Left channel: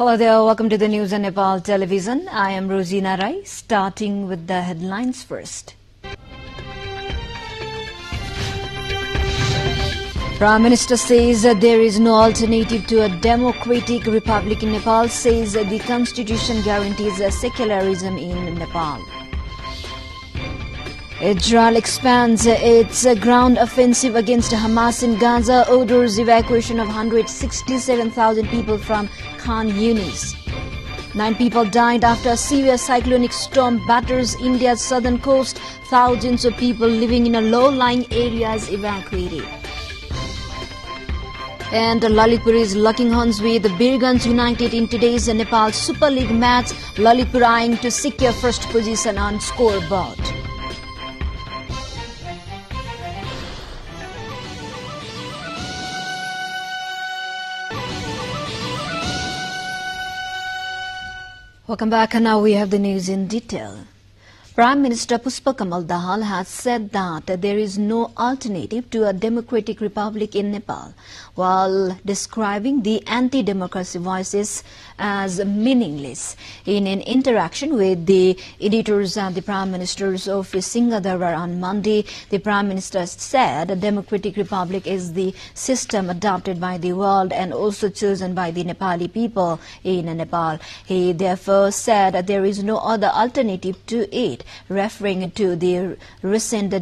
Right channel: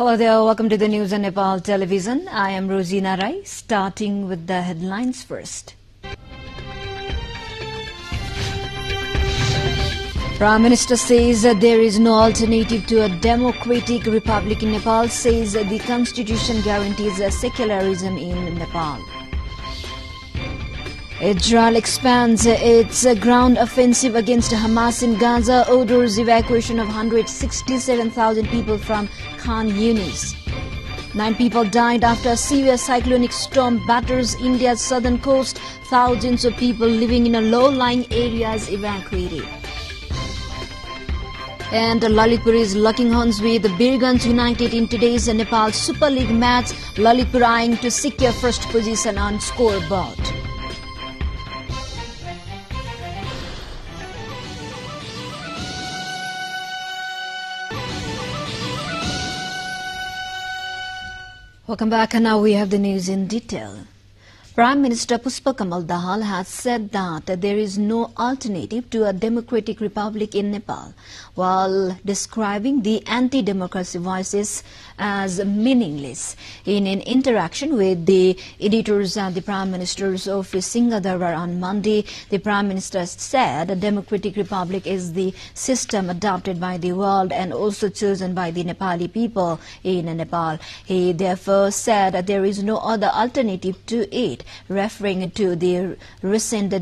Hello there, welcome to the news on Nepal television. I am Rosina Rai, starting with the headlines first. Prime Minister says there is no alternative to a democratic republic in Nepal, says the constitution guarantees secularism in Nepal. Israel expands its ground offensive against Hamas in Gaza, orders evacuation of 167,000 people from Khan Yunis. 9 people died after a severe cyclonic storm batters India's southern coast. Thousands of people living in low-lying areas evacuated. And Lalitpur is locking horns with Birgans United in today's Nepal Super League match. Lalitpur eyeing to secure first position on scoreboard. Welcome back, and now we have the news in detail. Prime Minister Pushpakamal Dahal has said that there is no alternative to a democratic republic in Nepal, while describing the anti-democracy voices as meaningless. In an interaction with the editors at the Prime Minister's office Singhadarbar on Monday, the Prime Minister said a democratic republic is the system adopted by the world and also chosen by the Nepali people in Nepal. He therefore said that there is no other alternative to it, referring to the recent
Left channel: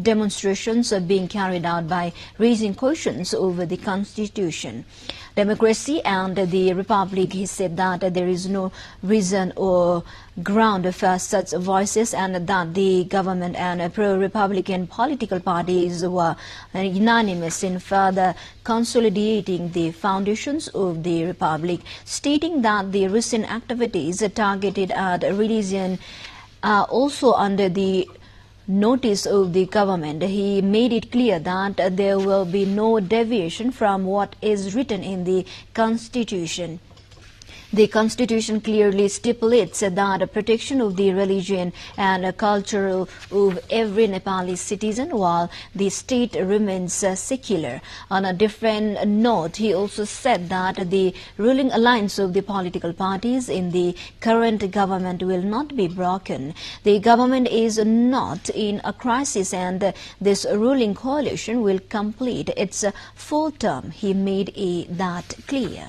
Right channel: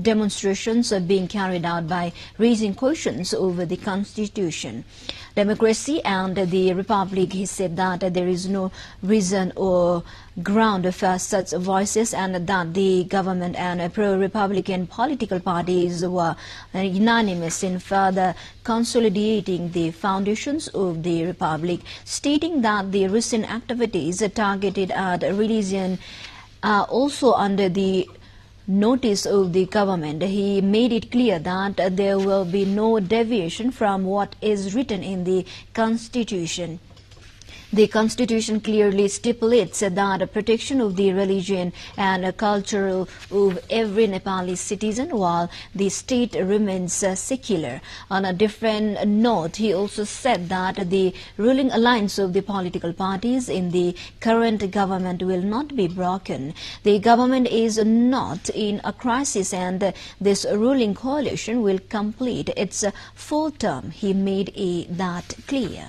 demonstrations being carried out by raising questions over the Constitution, democracy and the Republic. He said that there is no reason or ground for such voices and that the government and pro-Republican political parties were unanimous in further consolidating the foundations of the Republic, stating that the recent activities targeted at religion are also under the notice of the government. He made it clear that there will be no deviation from what is written in the Constitution. The Constitution clearly stipulates that protection of the religion and culture of every Nepali citizen while the state remains secular. On a different note, he also said that the ruling alliance of the political parties in the current government will not be broken. The government is not in a crisis and this ruling coalition will complete its full term. He made that clear.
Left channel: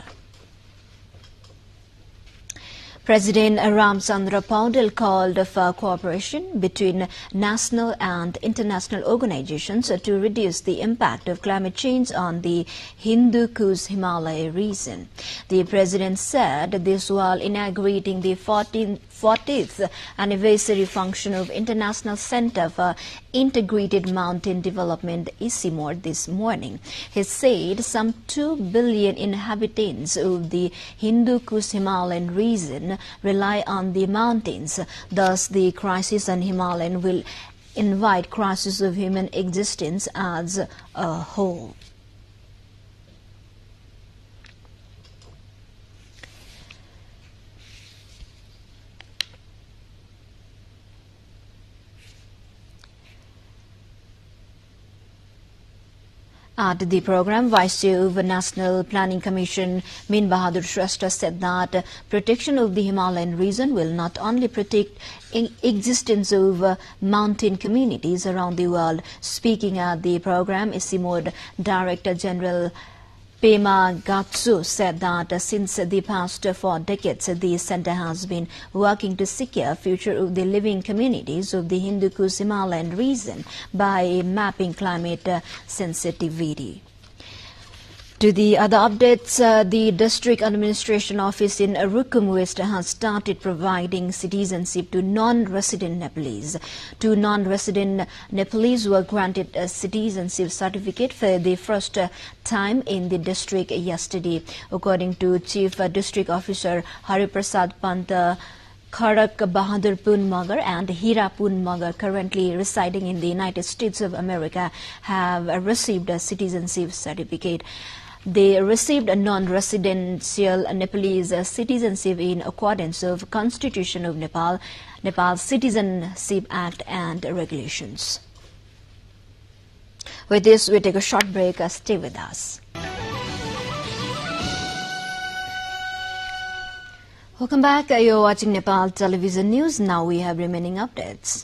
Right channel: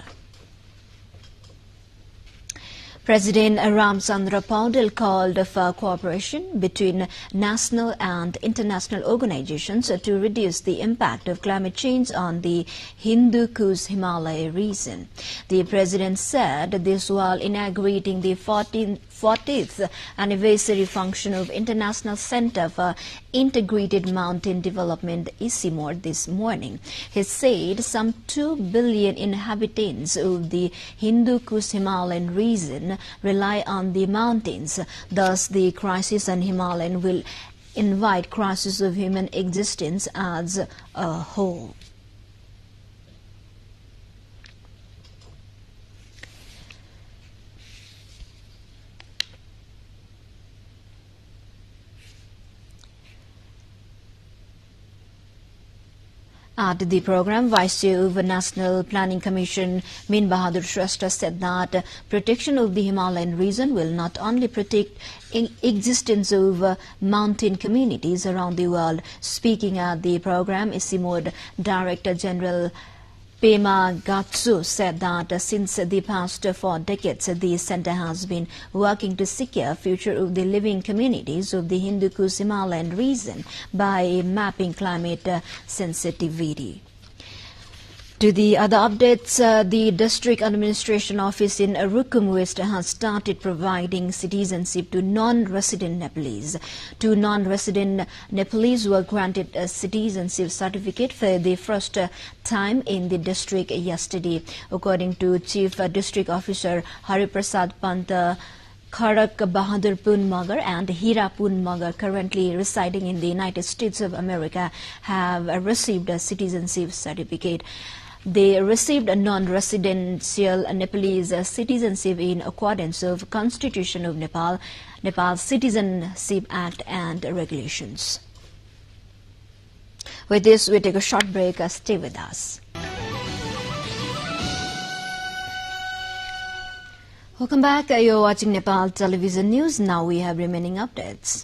President Ramchandra Paudel called for cooperation between national and international organizations to reduce the impact of climate change on the Hindu Kush Himalaya region. The president said this while inaugurating the 40th anniversary function of International Center for Integrated Mountain Development, ICIMOD, this morning. He said some 2 billion inhabitants of the Hindu Kush Himalayan region rely on the mountains. Thus, the crisis on Himalayan will invite crisis of human existence as a whole. At the program, Vice Chair of the National Planning Commission, Min Bahadur Shrestha, said that protection of the Himalayan region will not only protect existence of mountain communities around the world. Speaking at the program, ICIMOD Director General Pema Gatsu said that since the past 4 decades, the center has been working to secure future of the living communities of the Hindu Kush Himalayan region by mapping climate sensitivity. To the other updates, the District Administration Office in Rukum West has started providing citizenship to non-resident Nepalese. 2 non-resident Nepalese were granted a citizenship certificate for the first time in the district yesterday. According to Chief District Officer Hariprasad Panta, Kharak Bahadur Punmagar and Hira Punmagar, currently residing in the United States of America, have received a citizenship certificate. They received a non-residential Nepalese citizenship in accordance with Constitution of Nepal, Nepal Citizenship Act and regulations. With this, we take a short break. Stay with us. Welcome back. You're watching Nepal Television News. Now we have remaining updates.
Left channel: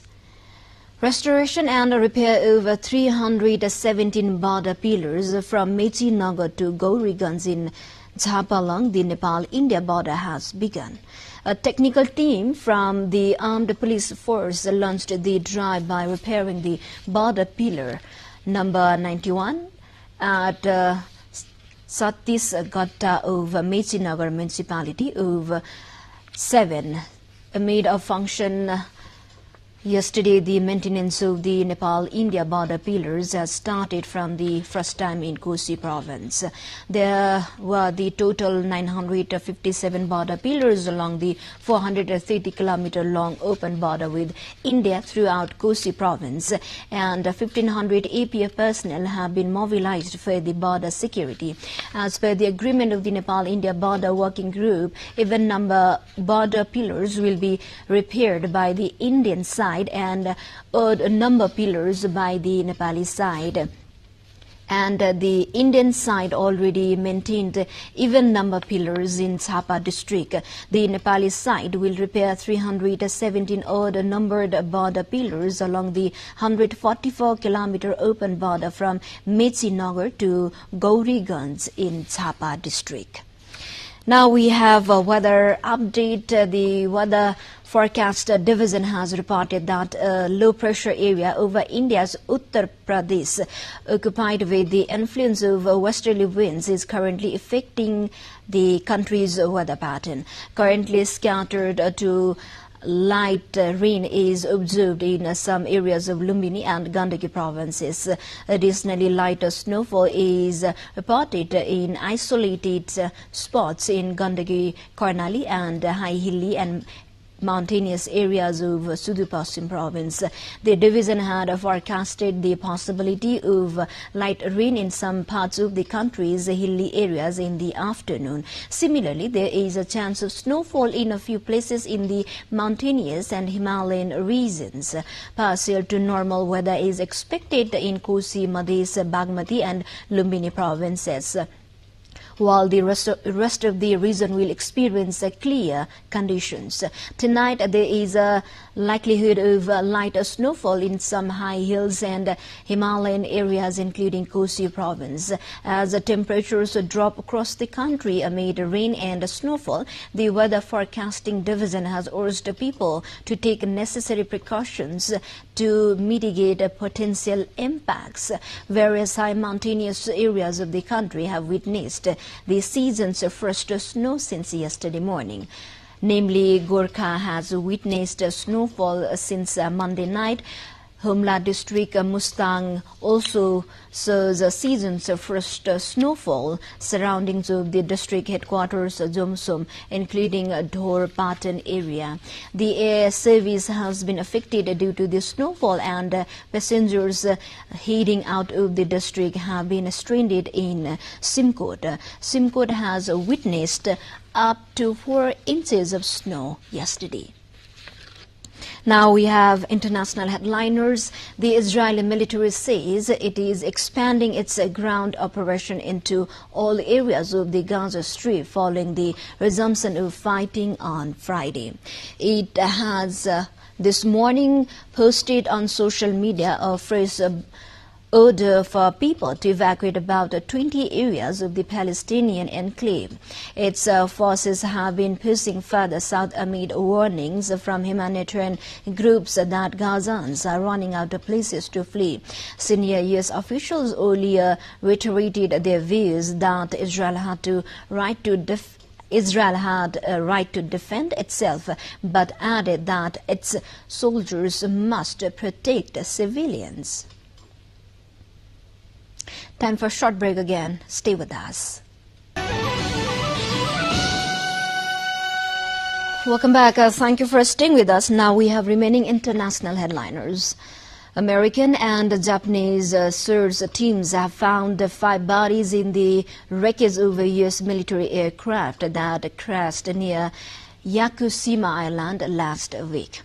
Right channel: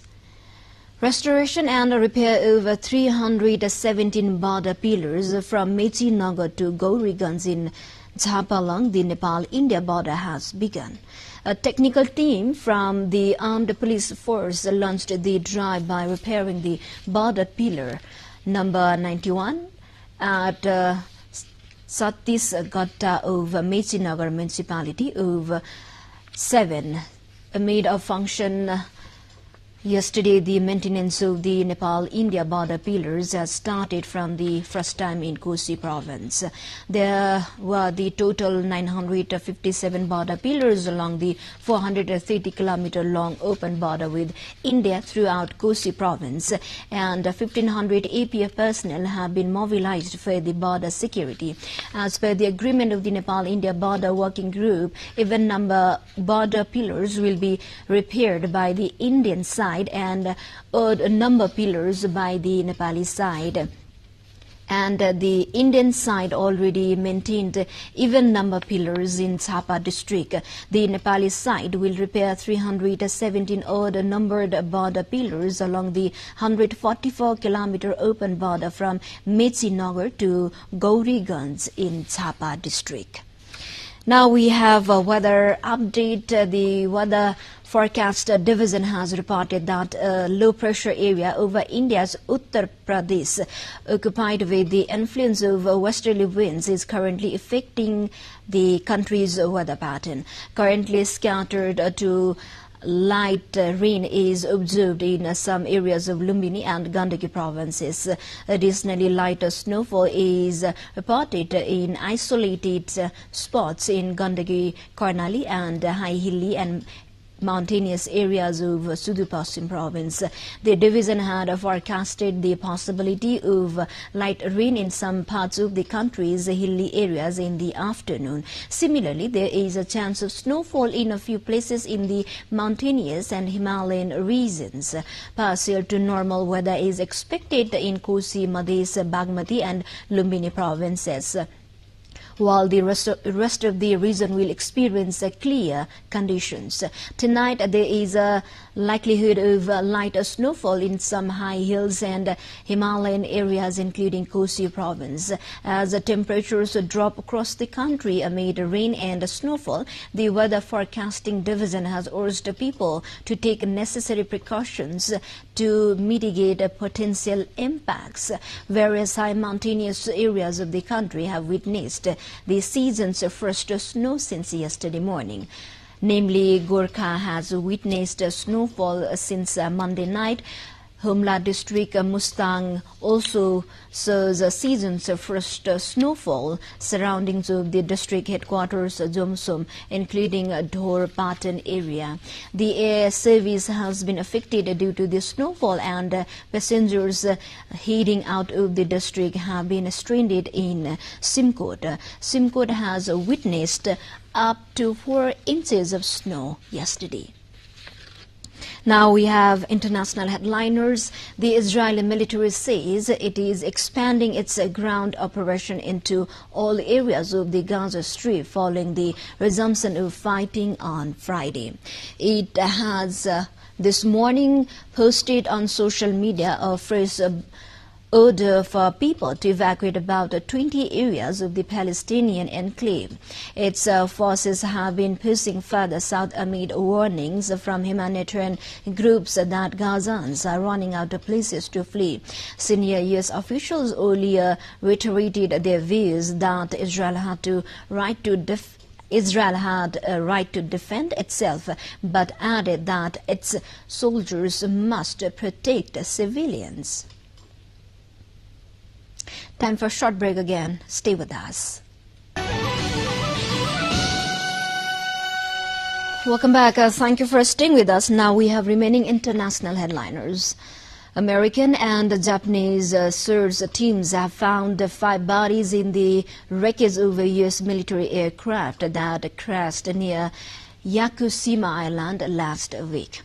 Restoration and repair of 317 border pillars from Mechinagar to Gauriganj in Jhapa along the Nepal-India border has begun. A technical team from the Armed Police Force launched the drive by repairing the border pillar number 91 at Satisgatta of Mechinagar municipality of 7 made a function. Yesterday, the maintenance of the Nepal-India border pillars has started from the first time in Kosi province. There were the total 957 border pillars along the 430-kilometer-long open border with India throughout Kosi province, and 1,500 APF personnel have been mobilized for the border security. As per the agreement of the Nepal-India border working group, even number border pillars will be repaired by the Indian side and odd number pillars by the Nepali side. And the Indian side already maintained even number pillars in Jhapa district. The Nepali side will repair 317 odd numbered border pillars along the 144-kilometer open border from Mechinagar to Gauriganj in Jhapa district. Now we have a weather update. The weather forecast division has reported that a low-pressure area over India's Uttar Pradesh, occupied with the influence of westerly winds, is currently affecting the country's weather pattern. Currently scattered to light rain is observed in some areas of Lumbini and Gandaki provinces. Additionally, lighter snowfall is reported in isolated spots in Gandaki, Karnali and high hilly and mountainous areas of Sudur Paschim province. The division had forecasted the possibility of light rain in some parts of the country's hilly areas in the afternoon. Similarly, there is a chance of snowfall in a few places in the mountainous and Himalayan regions. Partial to normal weather is expected in Kosi, Madhya, Bagmati and Lumbini provinces, while the rest of the region will experience clear conditions. Tonight, there is a likelihood of light snowfall in some high hills and Himalayan areas, including Kosi province. As temperatures drop across the country amid rain and snowfall, the Weather Forecasting Division has urged people to take necessary precautions to mitigate potential impacts. Various high mountainous areas of the country have witnessed the season's first snow since yesterday morning. Namely, Gorkha has witnessed snowfall since Monday night. Humla district Mustang also saw the season's first snowfall. Surroundings of the district headquarters Jomsom, including Dhor Patan area. The air service has been affected due to the snowfall, and passengers heading out of the district have been stranded in Simkot. Simkot has witnessed up to 4 inches of snow yesterday. Now we have international headliners. The Israeli military says it is expanding its ground operation into all areas of the Gaza Strip following the resumption of fighting on Friday. It has this morning posted on social media a fresh order for people to evacuate about 20 areas of the Palestinian enclave. Its forces have been pushing further south amid warnings from humanitarian groups that Gazans are running out of places to flee. Senior U.S. officials earlier reiterated their views that Israel had a right to defend itself, but added that its soldiers must protect civilians. Time for a short break again. Stay with us. Welcome back. Thank you for staying with us. Now we have remaining international headliners. American and Japanese search teams have found 5 bodies in the wreckage of a U.S. military aircraft that crashed near Yakushima Island last week.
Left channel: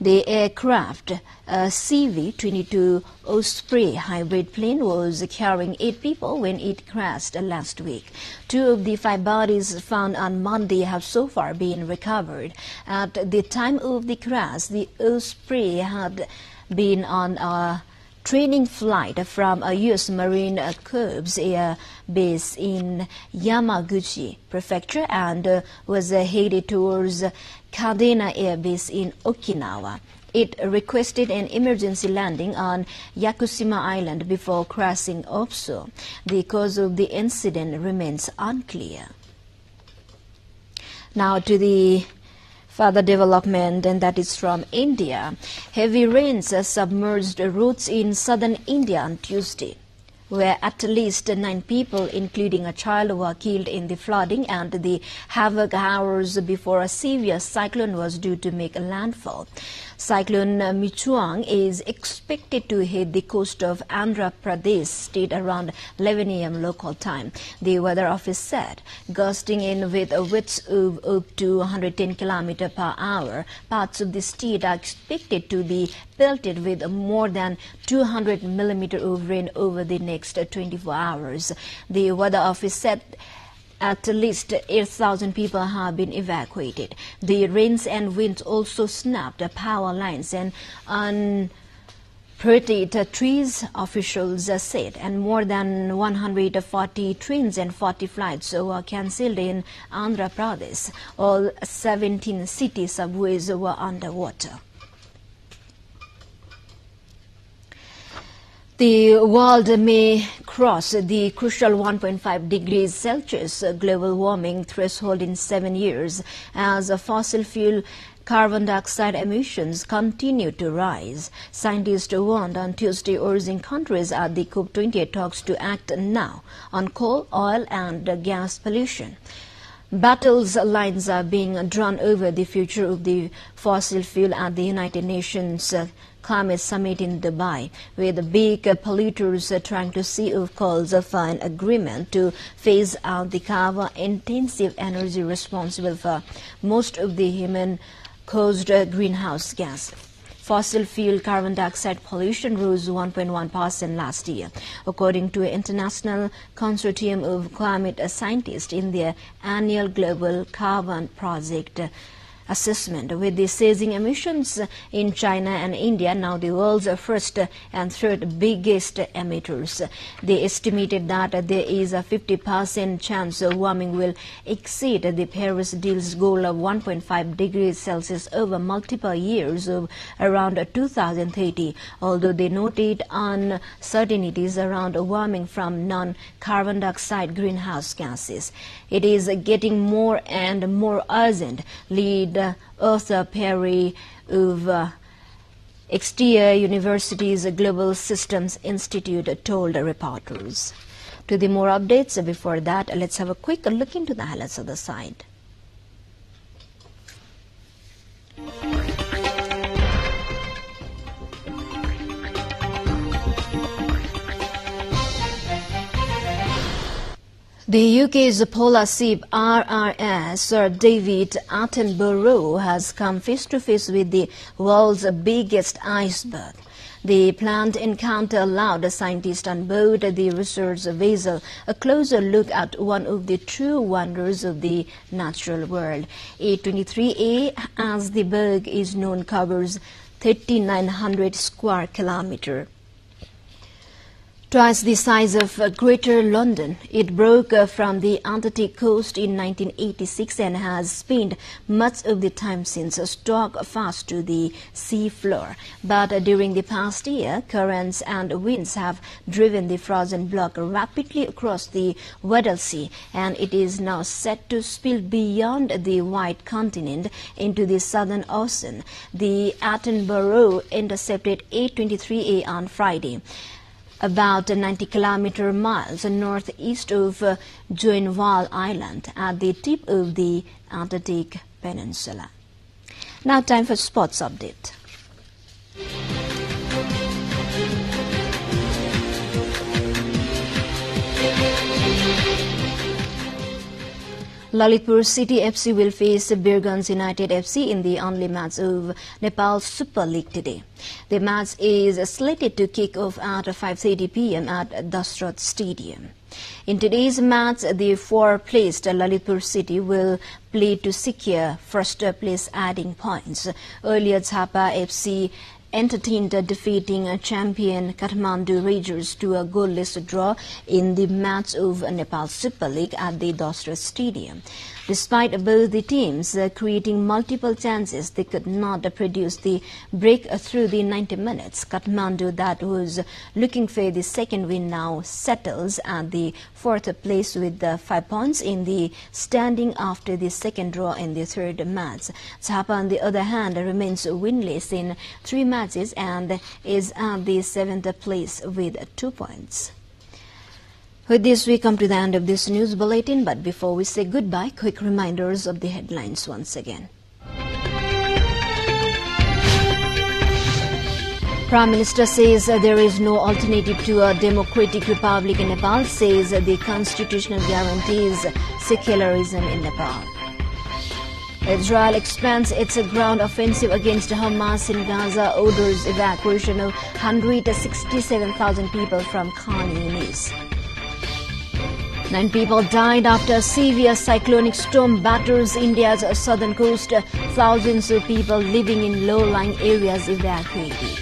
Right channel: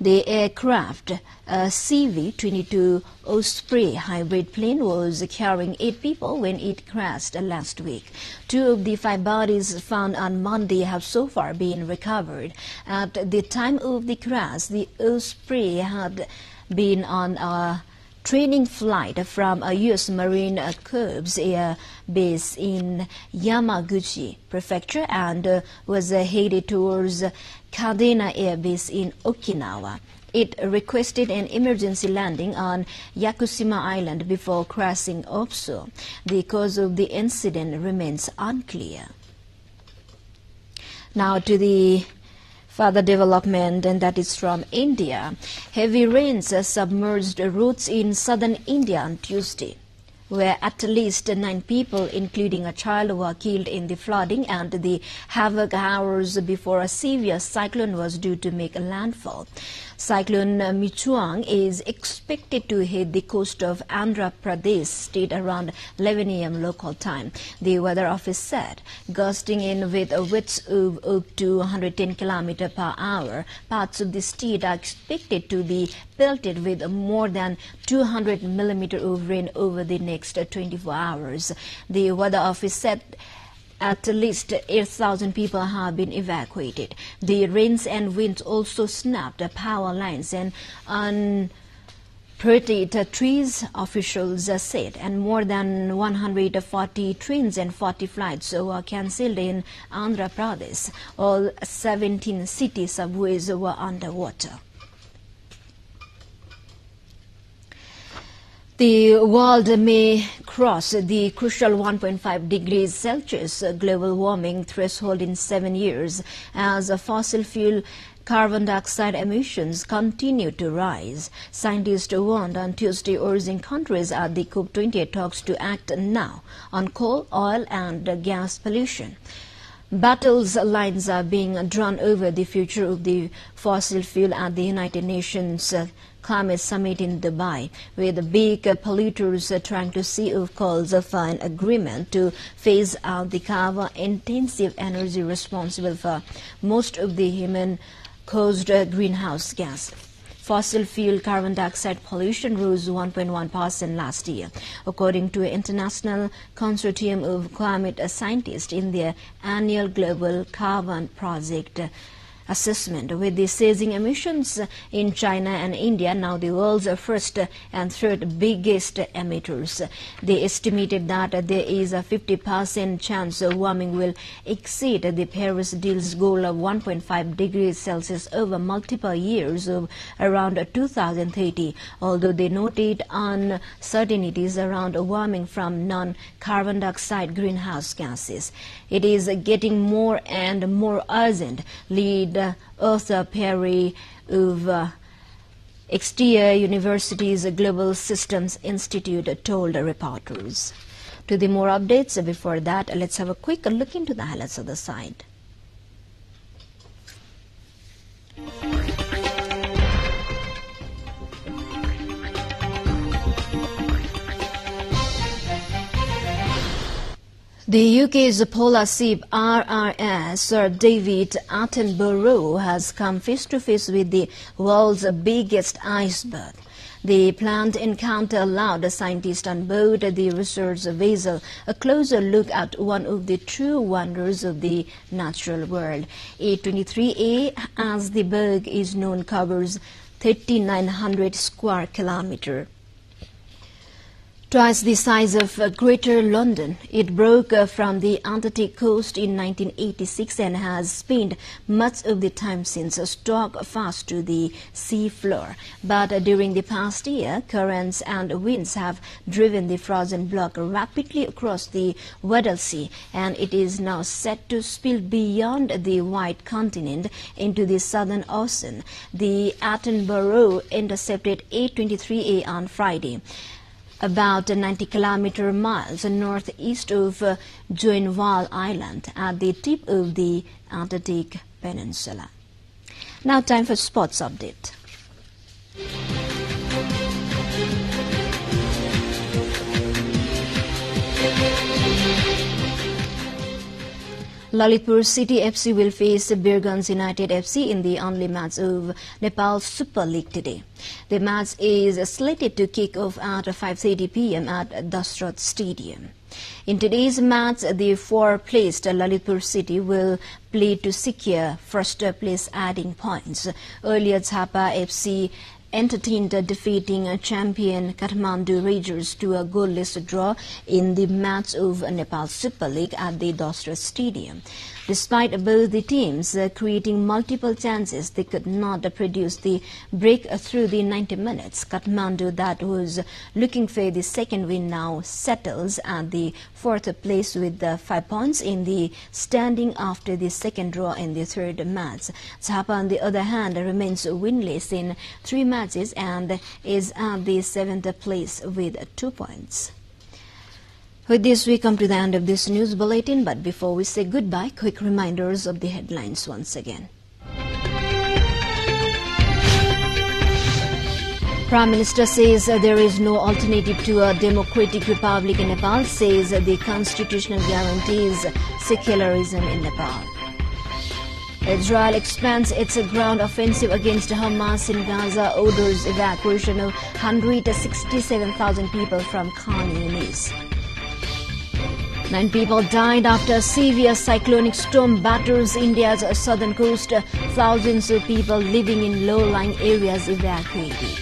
The aircraft, a CV-22 Osprey hybrid plane, was carrying 8 people when it crashed last week. 2 of the 5 bodies found on Monday have so far been recovered. At the time of the crash, the Osprey had been on a training flight from a U.S. Marine Corps air base in Yamaguchi Prefecture and was headed towards Kadena Air Base in Okinawa. It requested an emergency landing on Yakushima Island before crashing offshore. The cause of the incident remains unclear. Now to the further development, and that is from India. Heavy rains submerged roads in southern India on Tuesday, where at least 9 people, including a child, were killed in the flooding and the havoc hours before a severe cyclone was due to make landfall. Cyclone Michuang is expected to hit the coast of Andhra Pradesh state around 11 a.m. local time, the weather office said. Gusting in with winds of up to 110 km per hour, parts of the state are expected to be pelted with more than 200 millimeters of rain over the next 24 hours. The weather office said at least 8,000 people have been evacuated. The rains and winds also snapped power lines and unprotected trees, officials said, and more than 140 trains and 40 flights were cancelled in Andhra Pradesh. All 17 city subways were underwater. The world may cross the crucial 1.5 degrees Celsius global warming threshold in 7 years as fossil fuel carbon dioxide emissions continue to rise. Scientists warned on Tuesday, urging countries at the COP28 talks to act now on coal, oil and gas pollution. Battles lines are being drawn over the future of the fossil fuel at the United Nations Climate Summit in Dubai, with big polluters trying to see if calls for an agreement to phase out the carbon-intensive energy responsible for most of the human-caused greenhouse gas. Fossil fuel carbon dioxide pollution rose 1.1% last year, according to an international consortium of climate scientists in their annual Global Carbon Project assessment, with the seizing emissions in China and India now the world's first and third biggest emitters. They estimated that there is a 50% chance warming will exceed the Paris deal's goal of 1.5 degrees Celsius over multiple years of around 2030, although they noted uncertainties around warming from non-carbon dioxide greenhouse gases. It is getting more and more urgent, lead Arthur Perry of Exeter University's Global Systems Institute told reporters. To the more updates, before that, let's have a quick look into the highlights of the site. The UK's polar ship RRS Sir David Attenborough has come face-to-face with the world's biggest iceberg. The planned encounter allowed the scientists on board the research vessel a closer look at one of the true wonders of the natural world. A23A, as the berg is known, covers 3,900 square kilometers. Twice the size of Greater London, it broke from the Antarctic coast in 1986 and has spent much of the time since stuck fast to the sea floor. But during the past year, currents and winds have driven the frozen block rapidly across the Weddell Sea, and it is now set to spill beyond the White Continent into the Southern Ocean. The Attenborough intercepted A23A on Friday, about 90 miles northeast of Joinville Island, at the tip of the Antarctic Peninsula. Now time for sports update. Lalitpur City FC will face Baran United FC in the only match of Nepal Super League today. The match is slated to kick off at 5:30 p.m. at Dasrat Stadium. In today's match, the fourth-placed Lalitpur City will play to secure first place, adding points. Earlier, Chapa FC entertained defeating champion Kathmandu Rangers to a goalless draw in the match of Nepal Super League at the Dasrat Stadium. Despite both the teams creating multiple chances, they could not produce the break through the 90 minutes. Kathmandu, that was looking for the second win, now settles at the fourth place with 5 points in the standing after the second draw in the third match. Chapa, on the other hand, remains winless in 3 matches and is at the 7th place with 2 points. With this, we come to the end of this news bulletin, but before we say goodbye, quick reminders of the headlines once again. Prime Minister says there is no alternative to a democratic republic in Nepal, says the constitutional guarantees secularism in Nepal. Israel expands its ground offensive against Hamas in Gaza, orders evacuation of 167,000 people from Khan Yunis. 9 people died after a severe cyclonic storm batters India's southern coast. Thousands of people living in low-lying areas evacuated.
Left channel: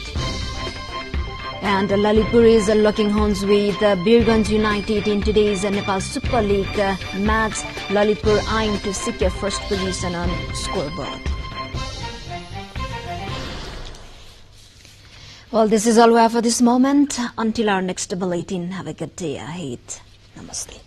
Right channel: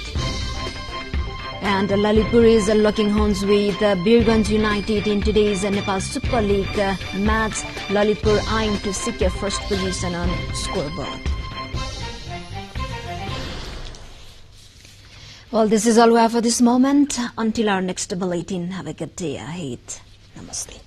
And Lalitpur is locking horns with Baran United in today's Nepal Super League match. Lalitpur eyeing to secure first position on scoreboard. Well, this is all we have for this moment. Until our next bulletin, have a good day ahead. Namaste.